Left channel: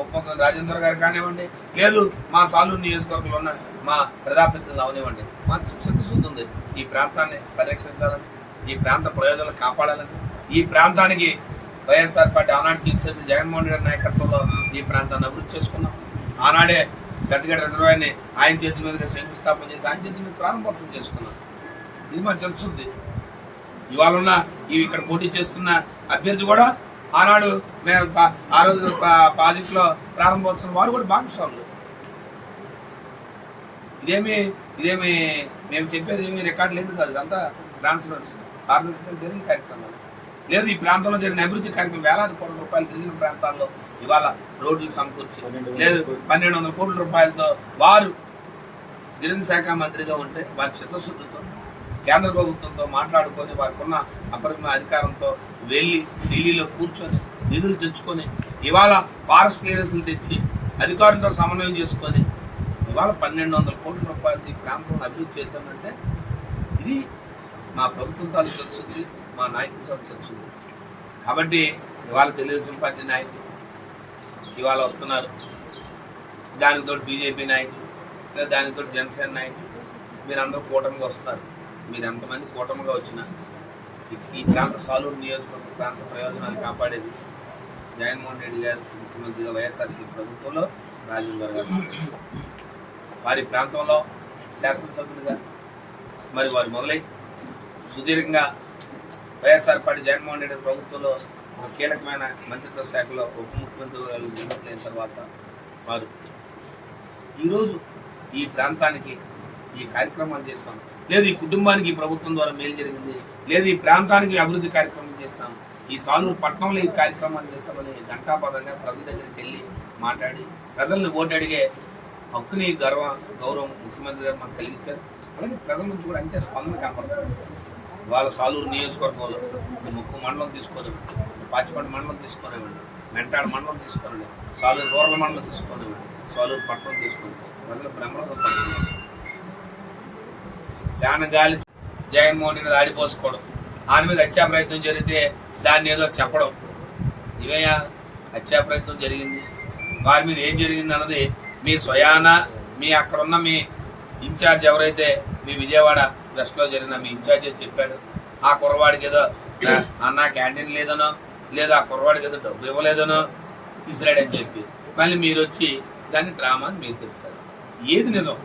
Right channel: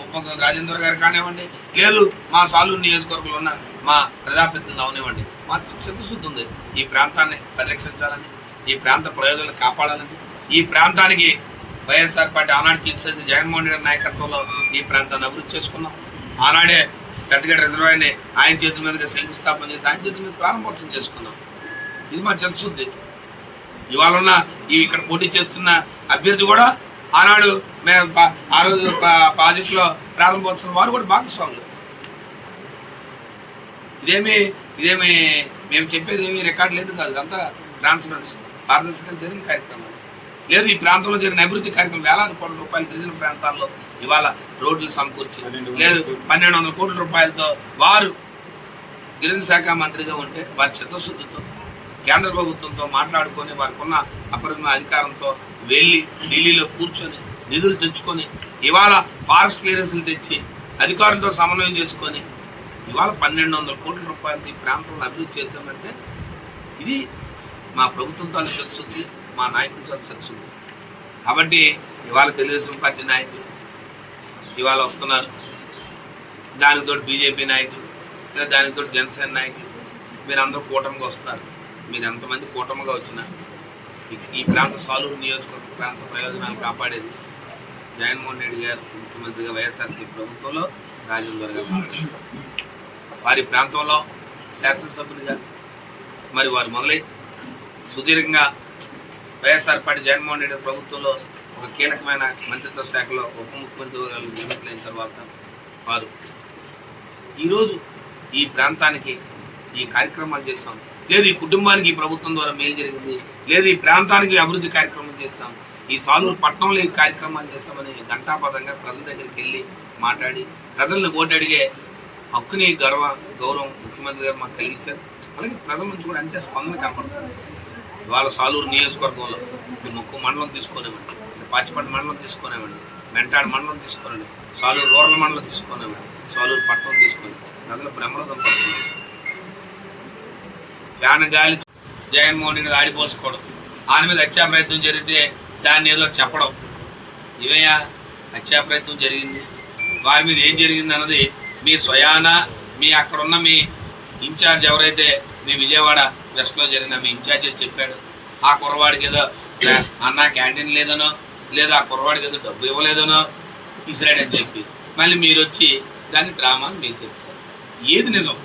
ఉపముఖ్యమంత్రి రాజేంద్ర గారు కానివ్వండి, లేదు మా సాలూరు నియోజకవర్గంలో ఉన్న మా ప్రజాప్రతినిధులు అవనివ్వండి, మాకు చిత్తశుద్ధి ఉంది ఈ ప్రాంతాన్ని పరిరక్షించాలని, ఈ ప్రాంత ప్రయోజనాలు కాపాడాలని, ఈ ప్రాంతానికి వైఎస్ఆర్ పార్టీ ఆనాడు కీర్తి జగన్మోహన్ రెడ్డి నాయకత్వంలో ఈ ప్రాంతాన్ని అభివృద్ధి చేసుకున్నాం. ఆనాడే పెద్దగడ్డ రిజర్వాయర్ని ఆయన చేతుల మీదుగా శంకుస్థాపన చేసి ఆయన చేతుల మీద ప్రారంభోత్సవం చేసుకున్నాం. ఇది మా చిత్తశుద్ధి. ఇవాళ ఉన్న ఇక్కడ పోటీ చేస్తున్న అభ్యర్థి కూడా ఆనాడు మేము ఆ రోజు ప్రాజెక్టులో ప్రారంభోత్సవం వారు కూడా భాగస్వాములు. ఇదేమి మేము చెప్పేది ఏమి రికార్డులు ఎందుకు కాదు, అంతా ట్రాన్స్పరెన్సీ పారదర్శకంగా జరిగిన కార్యక్రమాలు. లేదు ఈ ప్రాంతంలో జరిగిన అభివృద్ధి కార్యక్రమం వేలాది కోట్ల రూపాయలు గిరిజన ప్రాంతాల్లో ఇవాళ రోడ్లు సమకూర్చి, లేదు 1200 కోట్ల రూపాయలతో వారు గిరిజన శాఖ మంత్రిగా ఉంటే వారి చిత్తశుద్ధితో కేంద్ర ప్రభుత్వంతో మాట్లాడుకొని వారికి ఉన్న అపరిమిత అధికారంతో వెళ్ళి ఢిల్లీలో కూర్చొని నిధులు తెచ్చుకొని ఇవాళ ఫారెస్ట్ క్లియరెన్స్లు తెచ్చి అధికారులతో సమన్వయం చేసుకొని ఇవాళ 1200 కోట్ల రూపాయలతో ఈ ప్రాంతంలో అభివృద్ధి చేశామంటే ఇది మా ప్రభుత్వం తాలూ తెలుస్తుంది, మా నాయకుల తాలూ తెలుస్తుంది. కాబట్టి ఇవాళ తెలుగుదేశం పార్టీ నాయకులు ఇవాళ వస్తున్నారు, దానికి తోడు బీజేపీ నాయకులు, లేదా దానికి తోడు జనసేన నాయకులు, మీరందరూ కూటమిగా వస్తారు. మీరు ఎంతమంది కూటమిగా వచ్చినా ఈ ప్రాంత సాలూరు నియోజకవర్గ ప్రాంత ప్రయోజనాలు కాపాడేది జగన్మోహన్ రెడ్డి గారు ముఖ్యమంత్రిగా వైఎస్ఆర్సీ ప్రభుత్వంలో రాజేంద్ర గారు, వారి ప్రాంతంలో శాసనసభ్యులుగా మరి వారు మొదలై సుదీర్ఘంగా వైఎస్ఆర్ పార్టీ జగన్మోహన్ రెడ్డి ప్రభుత్వంలో ఒక కీలకమైన మంత్రిత్వ శాఖలో ఉప ముఖ్యమంత్రిగా నియమితులైన తర్వాత వారు ఈరోజు ఈ ప్రాంతానికి ఈ కార్యక్రమాలు చేస్తాం, లేదు ఈ కుటుంబానికి ఈ ప్రభుత్వం ద్వారా మేలు జరిగింది, లేదు ఈ ప్రాంతానికి అభివృద్ధి కార్యక్రమం చేస్తాం, ఈ సాలూరు పట్టణంలో ఈ కార్యక్రమాలు చేస్తామని ఘంటాపథంగా ప్రజల దగ్గరికి వెళ్ళి మాట్లాడి ప్రజల్ని ఓటు అడిగే హక్కుని గౌరవం ముఖ్యమంత్రి గారు మాకు కలిగించారు. అలాగే ప్రజల నుంచి కూడా అంతే స్పందన కనపడుతుంది. ఇవాళ సాలూరు నియోజకవర్గంలో ముక్కు మండలం తీసుకునేవ్వండి, పాచిపండి మండలం తీసుకునేవ్వండి, మెంటాడు మండలం తీసుకునేవ్వండి, సాలూరు రూరల్ మండలం తీసుకునేవ్వండి, సాలూరు పట్టణం తీసుకొని ప్రజలు బ్రహ్మరథం పడుతున్నారు. ఫ్యాన్ గాలి జగన్మోహన్ రెడ్డి ఆడిపోసుకోవడం, ఆయన మీద హత్యా ప్రయత్నం జరిగితే దాన్ని ఏదో చెప్పడం, ఇవయ్యా హత్యా ప్రయత్నం జరిగింది, వారి మీద ఏం జరిగింది అన్నది మీ స్వయాన మీ అక్కడున్న మీ ఇన్ఛార్జ్ ఎవరైతే మీ విజయవాడ వెస్ట్లో జరిగిన మీ ఇన్ఛార్జ్ చెప్పాడు, ఆ కుర్రవాడికి ఏదో అన్న క్యాంటీన్ లేదనో, లేదా ఆ కుర్రవాడికి ఏదో డబ్బు ఇవ్వలేదనో ఇసిరాడని చెప్పి మళ్ళీ మీరు వచ్చి దాన్ని డ్రామా అని మీరు చెప్తారు. ఏది నిజం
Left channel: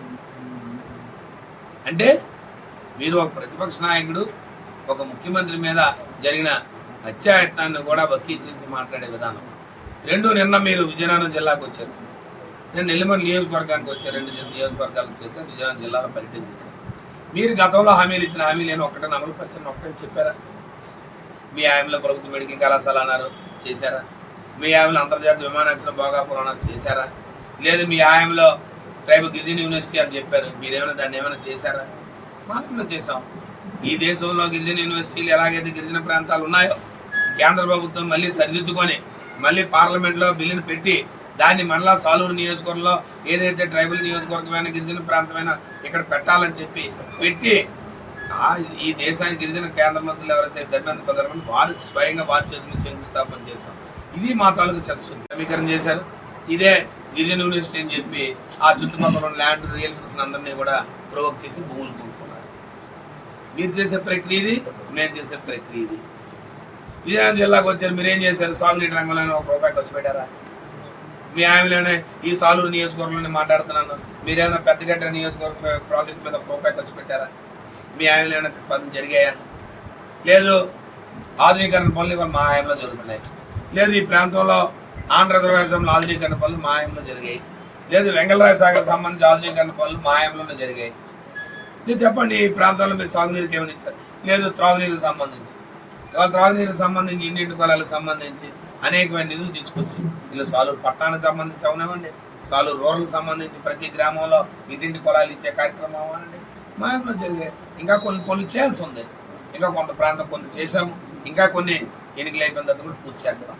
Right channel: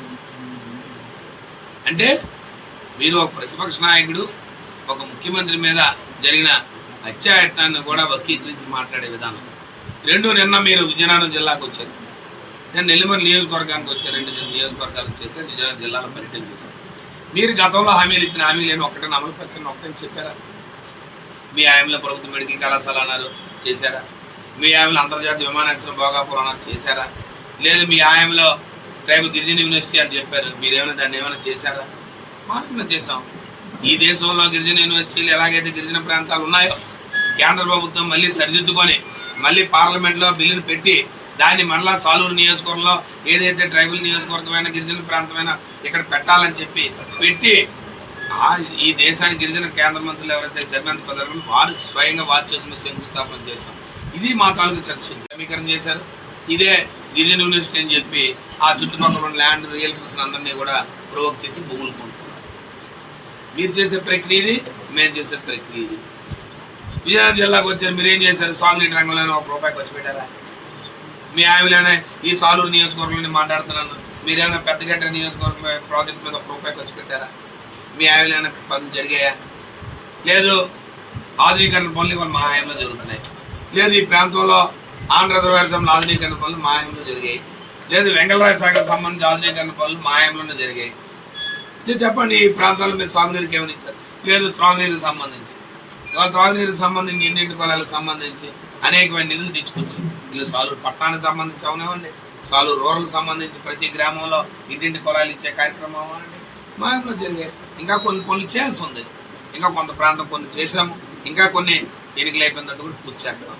అంటే మీరు ఒక ప్రతిపక్ష నాయకుడు ఒక ముఖ్యమంత్రి మీద జరిగిన హత్యాయత్నాన్ని కూడా వక్రీకరించి మాట్లాడే విధానం. నిన్న మీరు విజయనగరం జిల్లాకు వచ్చారు, నేను నెల్లిమర్రి నియోజకవర్గానికి వచ్చాను, 2 నియోజకవర్గాలకు చేశాను, విజయనగరం జిల్లాలో పర్యటన చేశాను. మీరు గతంలో హామీలు ఇచ్చిన హామీలు ఒక్కటే అమలు పరిచిన ఒకటే చెప్పారా? మీ హామీలో ప్రభుత్వ మెడికల్ కళాశాల అన్నారు, చేశారా? మీ హామీలో అంతర్జాతీయ విమానాశ్రయం భోగాపురం అన్నారు, చేశారా? లేదు మీ హామీలో ట్రైబల్ గిరిజన యూనివర్సిటీ అని చెప్పారు, మీరేమైనా దాన్ని ఏమైనా చేశారా? మనం చేసాం. ఈ దేశంలో గిరిజన యూనివర్సిటీలు ఎలాగైతే గిరిజన ప్రాంతాలు ఉన్నాయో కేంద్ర ప్రభుత్వం మళ్ళీ సరిదిద్దుకొని మళ్ళీ పార్లమెంట్లో బిల్లును పెట్టి దాన్ని మరలా సాలూరు నియోజకవర్గంలో ఏదైతే ట్రైబల్ నియోజకవర్గమైన గిరిజన ప్రాంతమైన ఇక్కడ పెట్టాలని చెప్పి పెట్టి ఈ దేశానికి గిరిజన కేంద్ర మంత్రులు ఎవరైతే ధర్మేంద్ర ప్రధాన వారు స్వయంగా వారి చేతులు శంకుస్థాపన చేశాం. ఇది మా తాలూకు చర్చ సమీకరణ చేశారు. ఇదే గిరిజన యూనివర్సిటీ అని చెప్పి ఆ చుట్టుపక్కల ఉన్న ల్యాండ్ రియల్టర్స్ అందరినీ కూడా ప్రొవోక్ చేసి భూములు కొనుక్కున్నారు. మీరు చేసే ప్రక్రియ ఇది, మేము చేసే ప్రక్రియ ఇది. విజయనగరం జిల్లాకు వచ్చారు, మీరేం చేశారు? సాగునీటి రంగంలోనే ₹1 ఖర్చు పెట్టారా? మీ హామీలోనే ఈ సాలూరు నియోజకవర్గంలోనే మాట్లాడుతున్నాను, మీరేమైనా పెద్దగడ్డ నియోజకవర్గం ప్రాజెక్ట్ మీద ₹1 ఖర్చు పెట్టారా? మీ హామీలో ఏమైనా పనులు జరిగాయా? లేదు ఆధునీకరణ పనులు ఇవాళ మా హామీలో జరుగుతున్నాయి. లేదు ఈ ప్రాంతంలో ఆంధ్ర రిజర్వాయర్ ఆధునీకరణ పనులు మా హామీలో జరిగాయి. లేదు వెంగళరాయ సాగర్ సంబంధించి ఆధునీకరణ పనులు మా హామీలోనే జరిగాయి. ఇది చెప్పండి, ఈ ప్రాంతాల్లో మీరు సాగునీరుకి ఏమైనా ఇచ్చారు? లేదు త్రాగునీరుకి సంబంధించి ఇవాళ త్రాగునీరుకి సంబంధించి ఇంటింటి కొలాలకు సంబంధించి అనేకమైన నిధులు తీసుకొచ్చి వీళ్ళు సాలూరు పట్టణానికి సంబంధించి అవునివ్వండి, సాలూరు రూరల్కి సంబంధించి ప్రతి గ్రామంలో ఇంటింటి కొలాలు ఇచ్చే కార్యక్రమం అవ్వనండి మా ఇంట్లో జరిగాయి. ఇంకా కొన్ని పనులు చేయాల్సి ఉంది, ఇంకా కొంత ప్రాంతం కొన్ని చేసాము, ఇంకా కొన్ని ఎన్నికలు అయిపోయిన తర్వాత కూడా పూర్తి చేస్తాం.